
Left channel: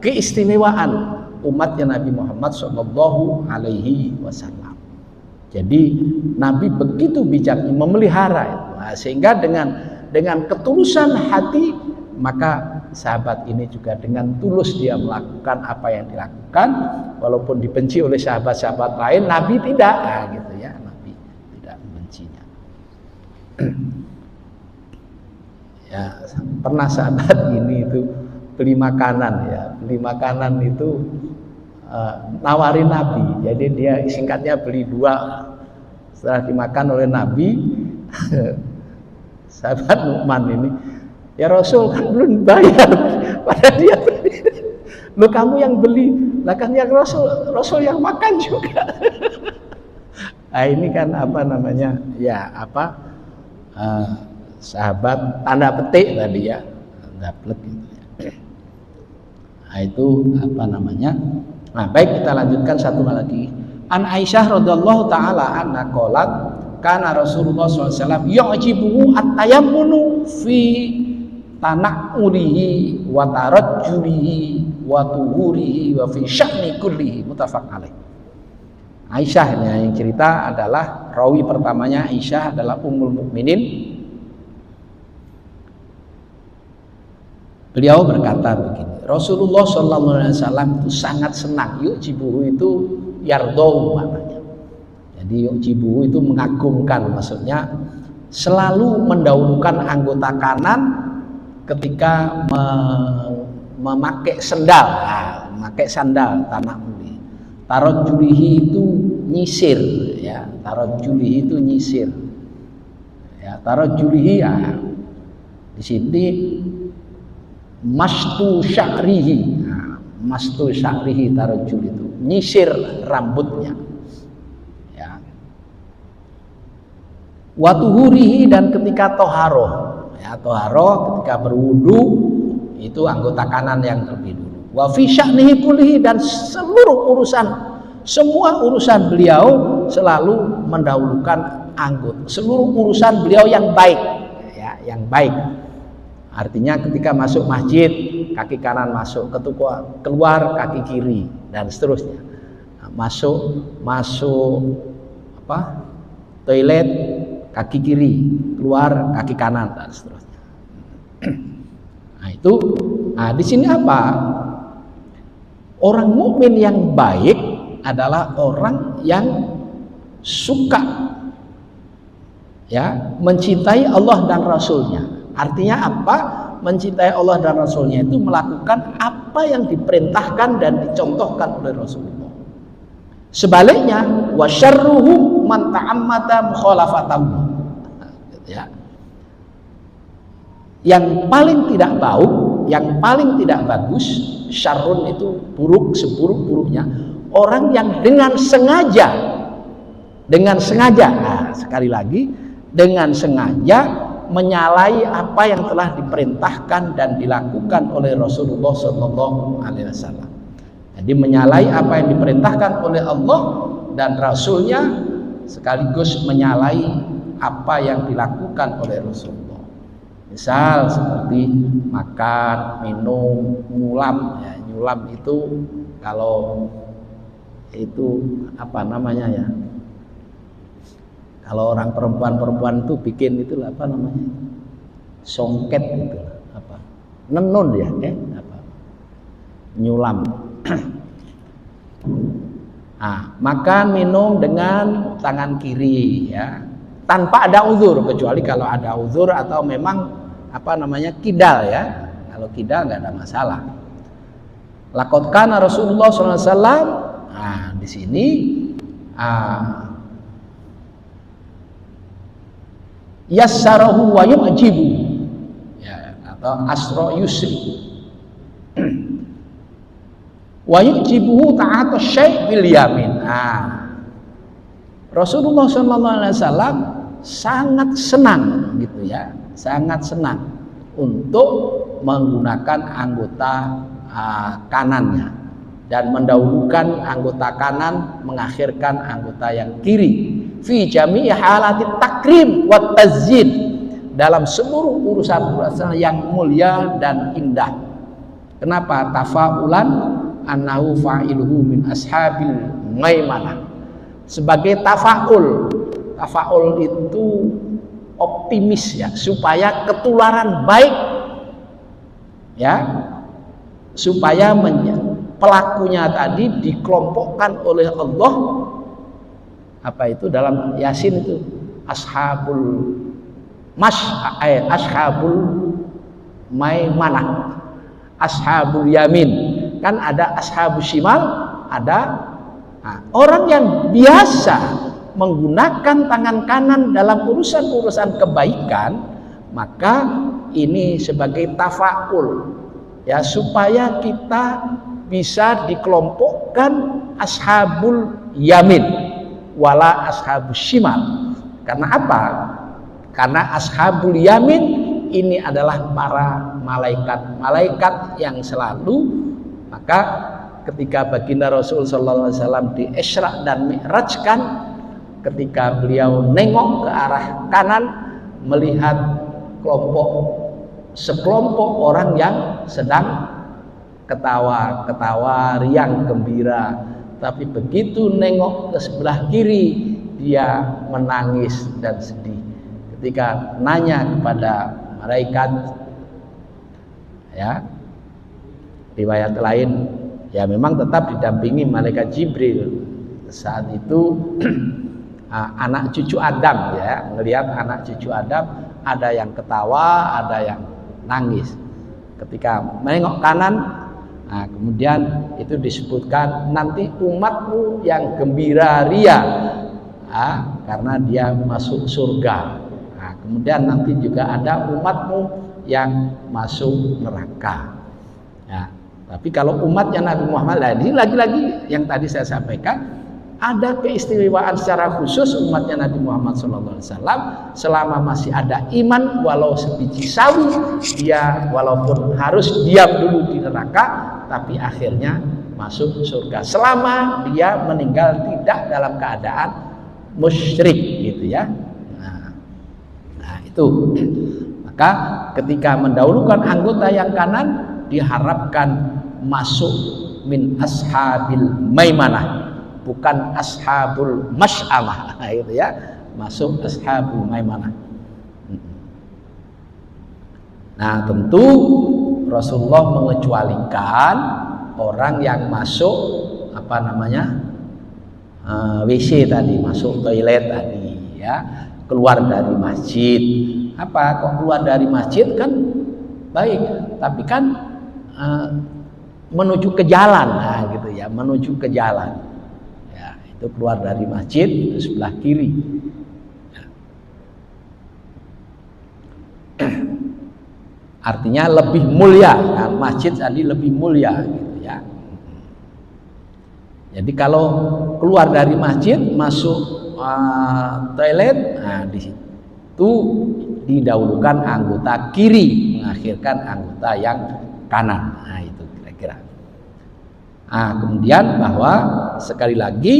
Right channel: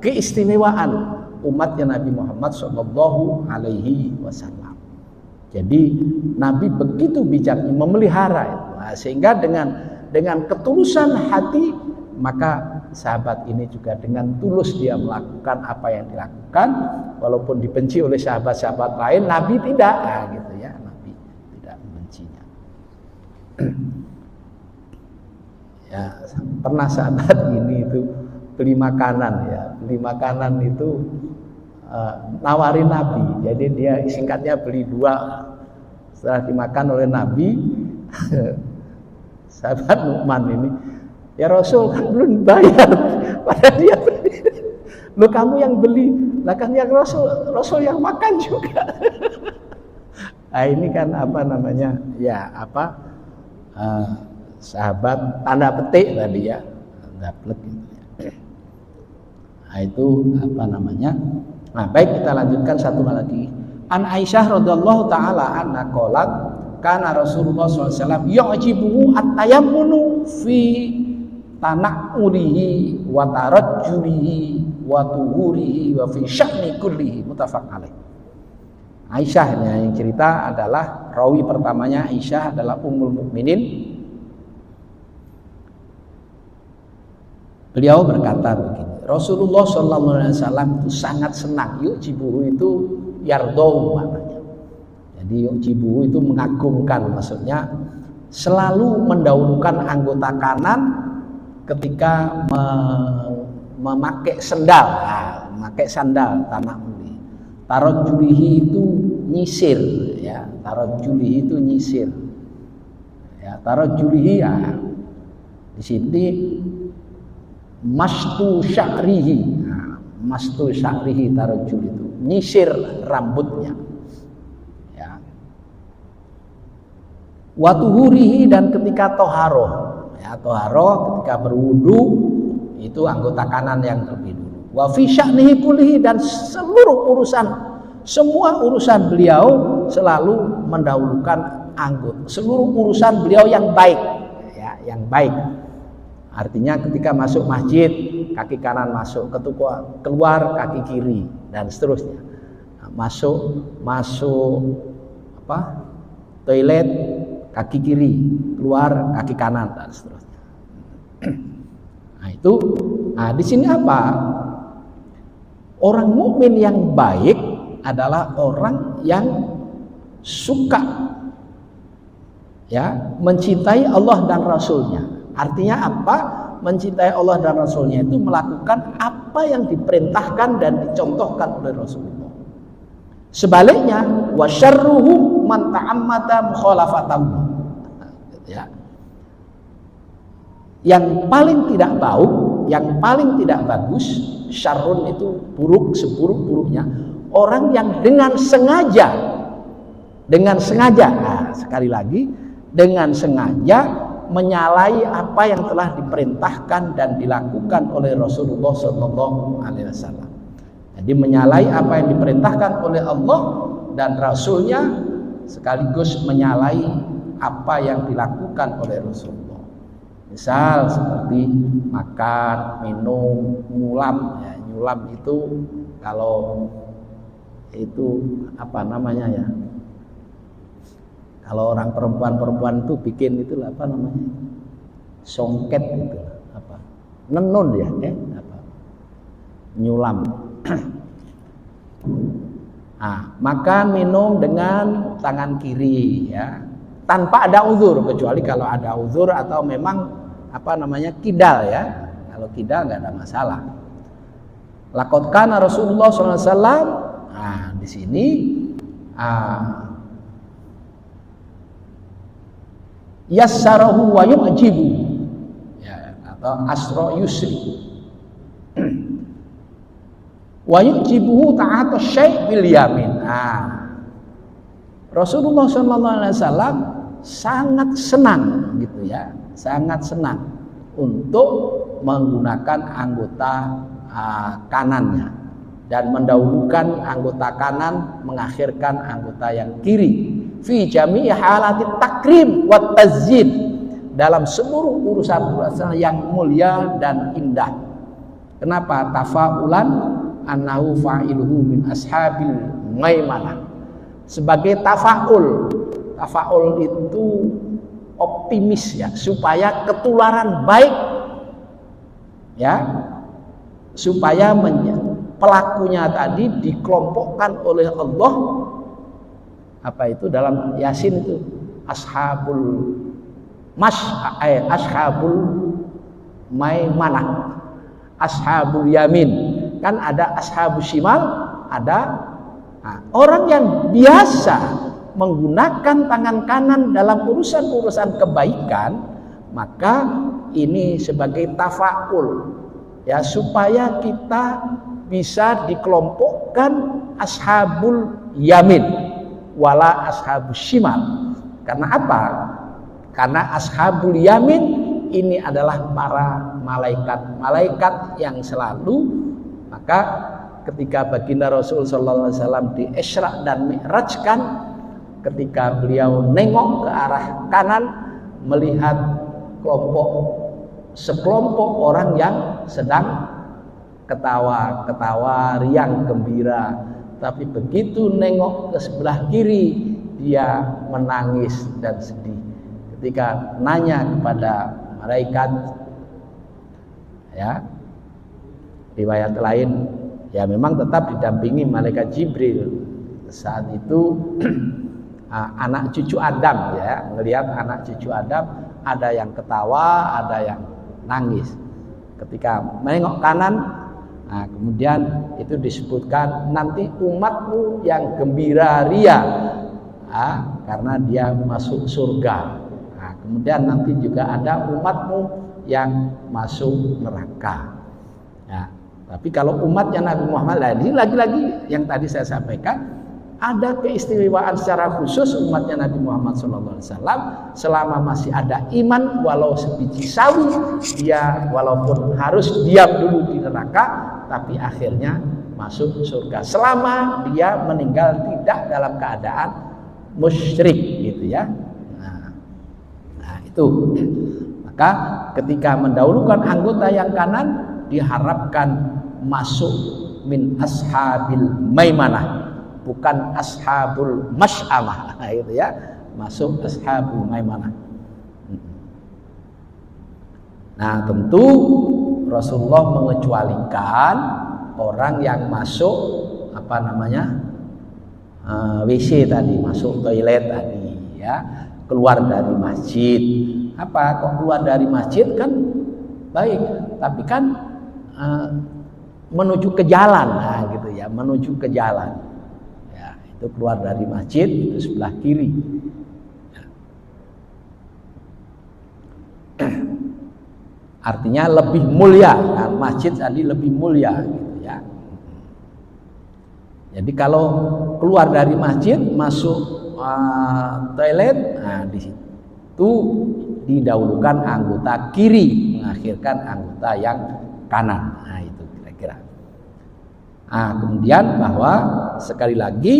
keistimewaan umatnya Nabi Muhammad SAW. Jadi Nabi begitu bijak memelihara itu. Nah, sehingga dengan ketulusan hati maka sahabat ini juga dengan tulus dia melakukan apa yang dilakukan, walaupun dibenci oleh sahabat-sahabat lain, Nabi tidak, gitu ya, Nabi tidak membencinya. Ya, pernah sahabat ini itu beli makanan itu nawarin Nabi. Jadi dia singkatnya beli 2. Setelah dimakan oleh Nabi, sahabat Nu'man ini, ya Rasul kan belum bayar, padahal dia beli. Loh kamu yang beli, lah kan yang Rasul yang makan juga. Nah ini kan apa namanya, ya apa sahabat tanda petik tadi ya, tanda petik. Nah itu apa namanya. Nah baik, kita lanjutkan satu lagi. An Aisyah radhiyallahu taala anha qalat kana Rasulullah SAW yu'jibuhu at-tayammunu fi tana'urihi wa tarajjulihi wa tuhurihi wa fi sya'ni kullihi, muttafaq alaih. Aisyah yang cerita adalah rawi pertamanya. Aisyah adalah ummul mukminin. Beliau berkata begini, Rasulullah SAW itu sangat senang. Yu'jibuhu itu yardau maknanya. Jadi yu'jibuhu itu mengagumkan, maksudnya selalu mendahulukan anggota kanan ketika memakai sandal. Memakai sandal tanah bumi. Tarajjulihi itu nyisir, ya. Tarajjulihi itu nyisir. Ya, tarajjulihi ya. Di sini mastu sya'rihi. Nah, mastu sya'rihi tarajjul itu nyisir rambutnya. Ya. Wa tuhurihi, dan ketika toharoh. Ya, toharoh ketika berwudu itu anggota kanan yang terlebih dulu. Wa fi sya'nihi kullihi, dan seluruh urusan, semua urusan beliau selalu mendahulukan anggota, seluruh urusan beliau yang baik, ya, yang baik. Artinya ketika masuk masjid kaki kanan masuk, keluar kaki kiri, dan seterusnya. Masuk toilet kaki kiri, keluar kaki kanan, dan seterusnya. Nah di sini apa? Orang mukmin yang baik adalah orang yang suka, ya, mencintai Allah dan Rasulnya. Artinya apa? Mencintai Allah dan Rasulnya itu melakukan apa yang diperintahkan dan dicontohkan oleh Rasulullah. Sebaliknya, wa syarruhu man ta'ammada mukhalafatahu. Ya. Yang paling tidak baik, yang paling tidak bagus, syarrun itu buruk, seburuk-buruknya orang yang dengan sengaja, nah, sekali lagi, dengan sengaja menyalahi apa yang telah diperintahkan dan dilakukan oleh Rasulullah Sallallahu Alaihi Wasallam. Jadi menyalahi apa yang diperintahkan oleh Allah dan Rasulnya, sekaligus menyalahi apa yang dilakukan oleh Rasulullah. Misal seperti makan, minum, nyulam. Ya, nyulam itu kalau itu apa namanya ya? Kalau orang perempuan itu bikin itu apa namanya? Songket itu apa? Nenun ya, apa? Nyulam. Nah, makan minum dengan tangan kiri, ya, tanpa ada uzur, kecuali kalau ada uzur atau memang apa namanya kidal, ya. Kalau kidal nggak ada masalah. Laqad kana Rasulullah SAW. Nah, di sini yassarahu wa yu'jibu, ya, atau asra yusri. Wa yu'jibuhu ta'ata syai' bil yamin. Rasulullah SAW sangat senang gitu ya, sangat senang untuk menggunakan anggota kanannya dan mendahulukan anggota kanan, mengakhirkan anggota yang kiri. Fi jami'i halati takrim wa tazyid, dalam seluruh urusan-urusan yang mulia dan indah. Kenapa? Tafaulan annahu fa'iluhu min ashabil maimanah. Sebagai tafaul. Tafaul itu optimis, ya, supaya ketularan baik, ya, supaya pelakunya tadi dikelompokkan oleh Allah. Apa itu dalam Yasin itu ashabul maimanah, ashabul yamin. Kan ada ashabul shimal, ada orang yang biasa menggunakan tangan kanan dalam urusan-urusan kebaikan, maka ini sebagai tafaul ya, supaya kita bisa dikelompokkan ashabul yamin wala ashabul shimal. Karena apa? Karena ashabul yamin ini adalah para malaikat yang selalu, maka ketika baginda Rasul sallallahu alaihi wasallam di Isra dan Mi'rajkan, ketika beliau nengok ke arah kanan melihat sekelompok orang yang sedang ketawa, riang, gembira. Tapi begitu nengok ke sebelah kiri, dia menangis dan sedih. Ketika nanya kepada malaikat, ya, riwayat lain, ya memang tetap didampingi malaikat Jibril. Saat itu anak cucu Adam, ya, melihat anak cucu Adam, ada yang ketawa, ada yang nangis. Ketika menengok kanan, kemudian itu disebutkan nanti umatmu yang gembira ria, karena dia masuk surga. Kemudian nanti juga ada umatmu yang masuk neraka. Ya, tapi kalau umatnya Nabi Muhammad, ini lagi-lagi yang tadi saya sampaikan, ada keistimewaan secara khusus umatnya Nabi Muhammad SAW selama masih ada iman, walau sebiji sawi, dia walaupun harus diam dulu di neraka, tapi akhirnya masuk surga selama dia meninggal tidak dalam keadaan musyrik, gitu ya. Nah itu, maka ketika mendahulukan anggota yang kanan diharapkan masuk min ashabil maimanah, bukan ashabul masy'amah, gitu ya, masuk ashabul maimanah. Nah tentu Rasulullah mengecualikan orang yang masuk WC tadi, masuk toilet tadi, ya, keluar dari masjid. Kok keluar dari masjid kan baik, tapi kan menuju ke jalan, gitu ya, menuju ke jalan. Ya, itu keluar dari masjid itu sebelah kiri. Artinya lebih mulia, kan? Masjid tadi lebih mulia, gitu ya. Jadi kalau keluar dari masjid masuk toilet, di situ didahulukan anggota kiri, mengakhirkan anggota yang kanan. Itu kira-kira. Kemudian bahwa sekali lagi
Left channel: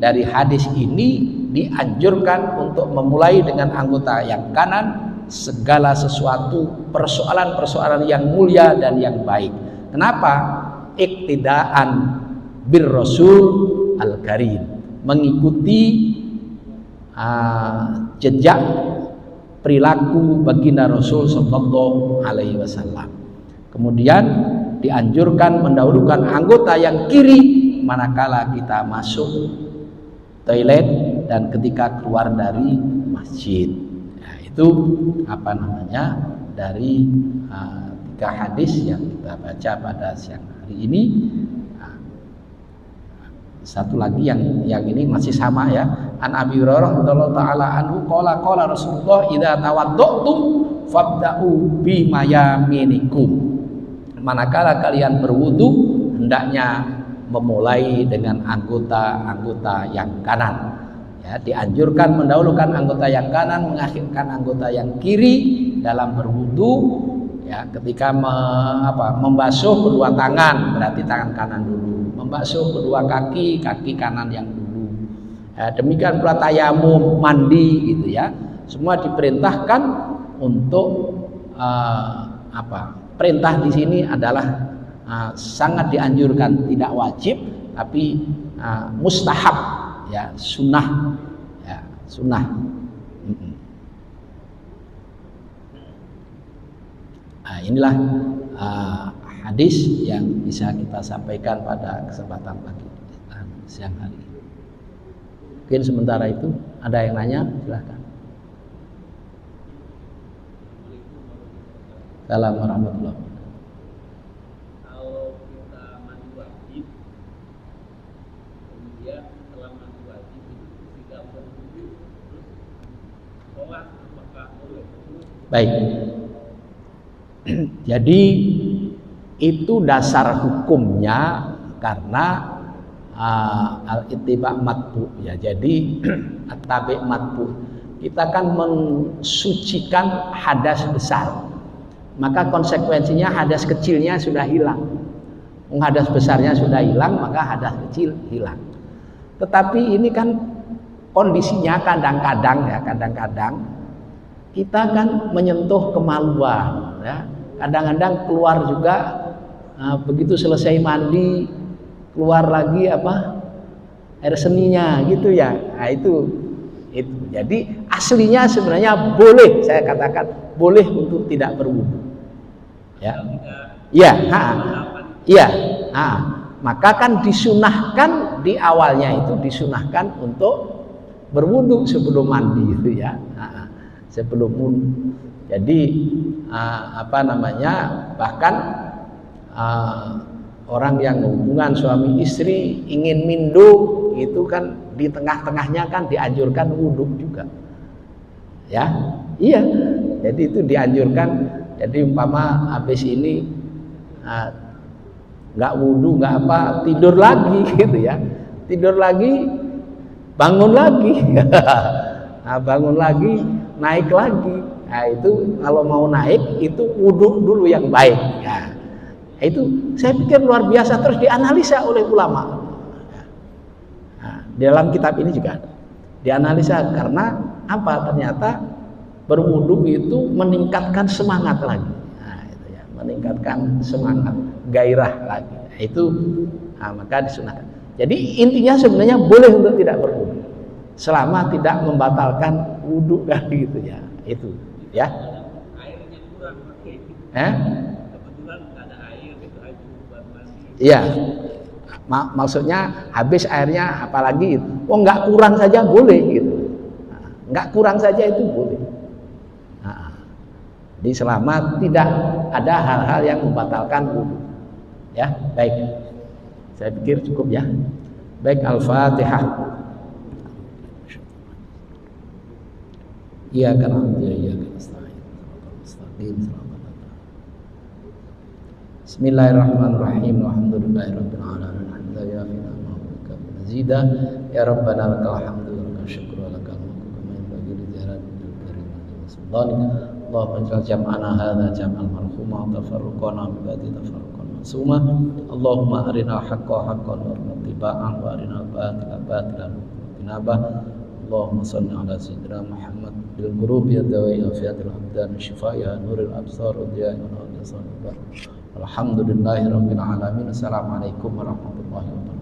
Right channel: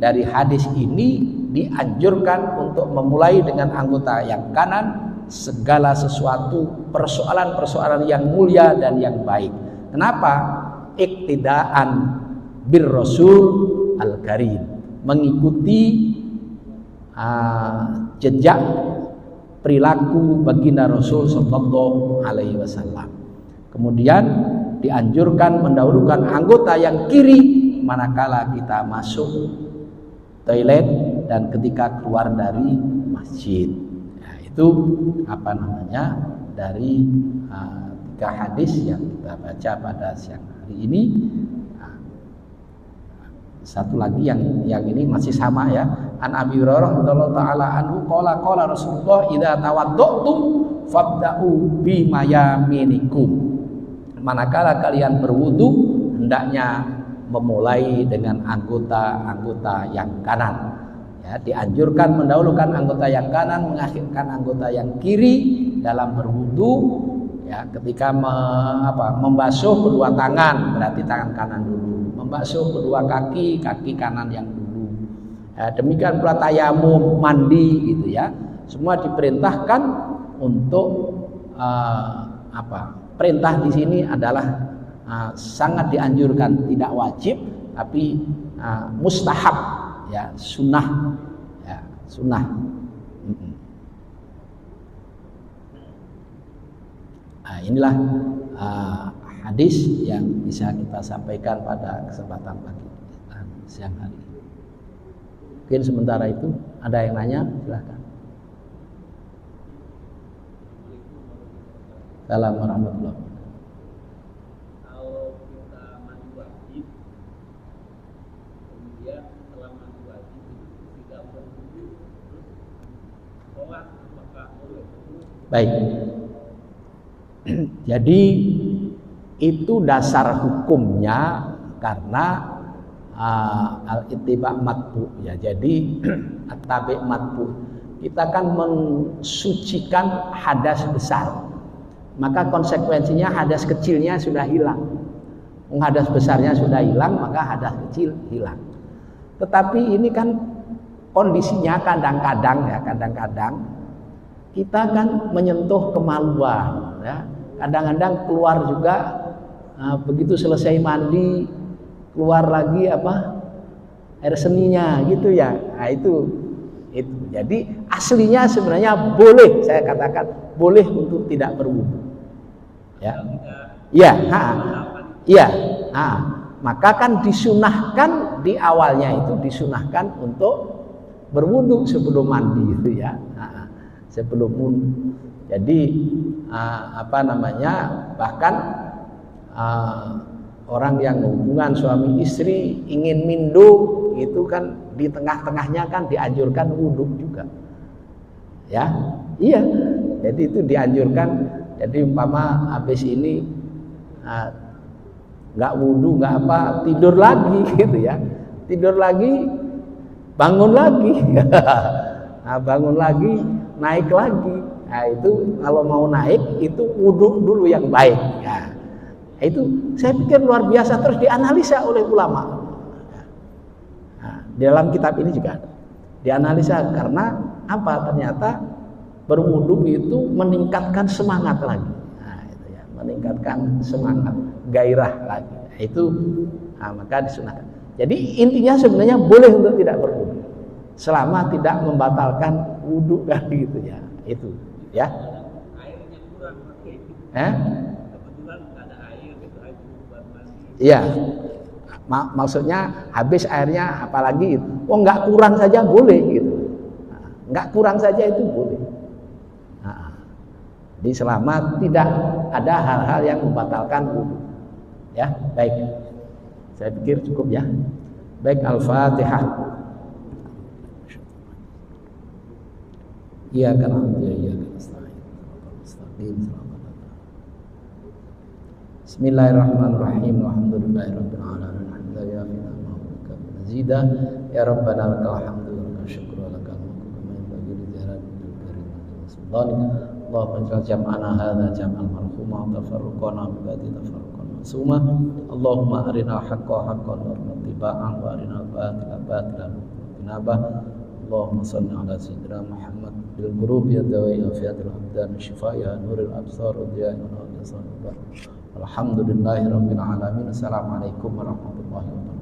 dari hadis ini dianjurkan untuk memulai dengan anggota yang kanan segala sesuatu persoalan-persoalan yang mulia dan yang baik. Kenapa? Iktidaan bir Rasul al-Karim, mengikuti jejak perilaku baginda Rasul sallallahu alaihi wasallam. Kemudian dianjurkan mendahulukan anggota yang kiri manakala kita masuk toilet dan ketika keluar dari masjid. Itu dari 3 hadis yang kita baca pada siang hari ini. Satu lagi yang ini masih sama, ya. An Abi Hurairah radhiyallahu taala anhu qala Rasulullah idza tawaddutum fabda'u bi mayaminikum. Manakala kalian berwudu hendaknya memulai dengan anggota yang kanan. Ya, dianjurkan mendahulukan anggota yang kanan, mengakhirkan anggota yang kiri dalam berwudu. Ya, ketika membasuh kedua tangan, berarti tangan kanan dulu. Membasuh kedua kaki kanan yang dulu. Ya, demikian pula tayamum, mandi, gitu ya. Semua diperintahkan untuk perintah di sini adalah sangat dianjurkan, tidak wajib, tapi mustahab, ya, sunnah, ya, sunnah. Inilah hadis yang bisa kita sampaikan pada kesempatan pagi siang hari ini. Mungkin sementara itu ada yang nanya, silahkan. Assalamualaikum warahmatullahi wabarakatuh. Kalau kita mandi wajib, kemudian setelah mandi wajib itu tidak berwudu, terus sholat, apakah boleh? Baik. Jadi itu dasar hukumnya karena al-ittiba matbu ya. Jadi at-tabi matbu. Kita kan mensucikan hadas besar. Maka konsekuensinya hadas kecilnya sudah hilang. Hadas besarnya sudah hilang, maka hadas kecil hilang. Tetapi ini kan kondisinya kadang-kadang kita kan menyentuh kemaluan ya. Kadang-kadang keluar juga begitu selesai mandi keluar lagi air seninya gitu ya. Nah, itu. Jadi aslinya sebenarnya boleh, saya katakan boleh untuk tidak berwudu. Ya. Iya, iya. Maka kan disunahkan di awalnya itu disunahkan untuk berwudu sebelum mandi itu ya. Sebelum wudu. Jadi bahkan orang yang hubungan suami istri ingin mindu itu kan di tengah-tengahnya kan dianjurkan wudu juga. Ya. Iya. Jadi itu dianjurkan. Jadi umpama habis ini nggak wudu, nggak tidur lagi gitu ya. Tidur lagi, bangun lagi. Bangun lagi, naik lagi. Nah, itu kalau mau naik itu wudu dulu yang baik. Ya. Itu saya pikir luar biasa terus dianalisa oleh ulama. Nah, di dalam kitab ini juga dianalisa karena apa? Ternyata berwudu itu meningkatkan semangat lagi. Nah, itu ya, meningkatkan semangat, gairah lagi. Nah, itu maka disunahkan. Jadi intinya sebenarnya boleh untuk tidak berwudu selama tidak membatalkan wudu kan gitu ya. Itu ya. Airnya kurang pakai. Kebetulan ada air gitu aja buat mandi. Iya. Maksudnya habis airnya apalagi nggak kurang saja boleh gitu. Nggak kurang saja itu boleh. Jadi selama tidak ada hal-hal yang membatalkan wudu. Ya, baik. Saya pikir cukup ya. Baik, Al-Fatihah. Iyyaka na'budu wa iyyaka nasta'in. Bismillahirrahmanirrahim. Alhamdulillahirabbil alamin. Zida ya rabbana lakal hamdu wa syukru lakal mulku kama yanbaghi li jalali wajhika wa Allahumma ij'al jam'ana hadza jam'an marhuma wa tafarruqana min ba'di tafarruqan ma'suma. Allahumma arina al-haqqa haqqan warzuqna ittiba'ahu wa arina al-batila batilan warzuqna ijtinabah. Allahumma shalli ala sayyidina Muhammad bil qurubi yadawi afiyatil abdan shifaa'a nuril absar wa diya'i wa nuril absar. Alhamdulillahirabbil alamin. Assalamualaikum warahmatullahi wabarakatuh.